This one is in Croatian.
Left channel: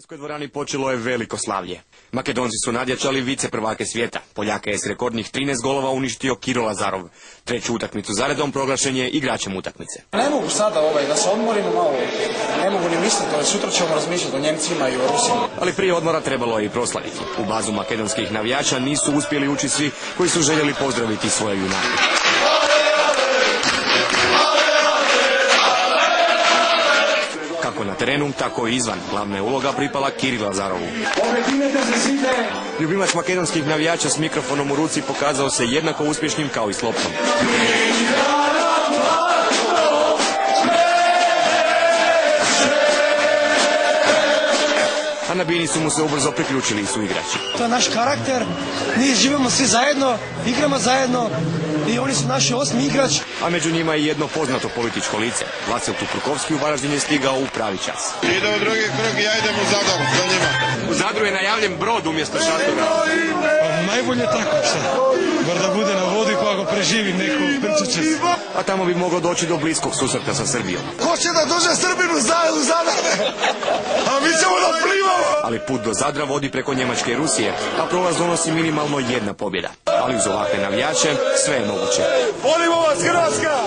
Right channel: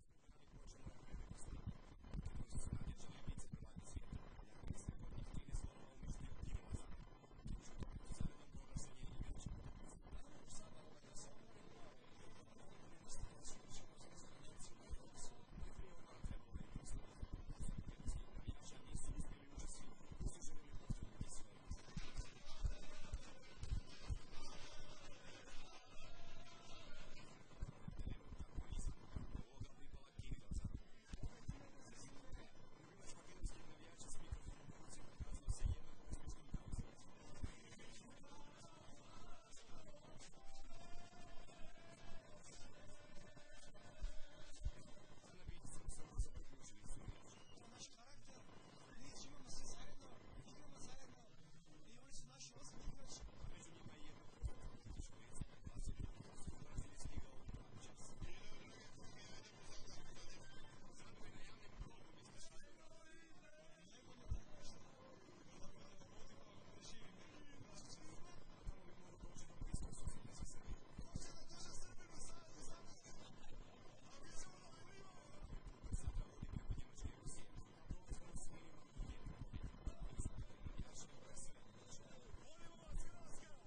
U dvorani počelo je veliko slavlje. Makedonci su nadjačali vice prvake svijeta. Poljaka je s rekordnih 13 golova uništio Kiro Lazarov. Treću utakmicu zaredom proglašen je igračem utakmice. Ne mogu sada da se odmorimo malo, ne mogu ni misliti, sutra ćemo razmišljati o Njemcima i o Rusima. Ali prije odmora trebalo je i proslaviti. U bazu makedonskih navijača nisu uspjeli ući svi koji su željeli pozdraviti svoje junake. Kako na terenu, tako i izvan. Glavna je uloga pripala Kirilu Lazarovu. Ljubimac makedonskih navijača s mikrofonom u ruci pokazao se jednako uspješnim kao i s loptom. A na bini su mu se ubrzo priključili i suigrači. To je naš karakter, mi živimo svi zajedno, igramo zajedno i oni su naši osmi igrač. A među njima je jedno poznato političko lice. Vasil Tuprukovski u Varaždin je stigao u pravi čas. Ide u drugi krug i ja idem u Zadar za njima. U Zadru je najavljen brod umjesto šatora. Pa najbolje tako sad. Bar da bude na vodi pa ako preživi neko prčiće. A tamo bi moglo doći do bliskog susreta sa Srbijom. Ko će da dođe Srbinu u Zadar? A mi ćemo da plivamo! Ali put do Zadra vodi preko Njemačke i Rusije, a prolaz donosi minimalno jedna pobjeda. Ali uz ovakve navijače sve je moguće. Volimo vas, Hrvatska!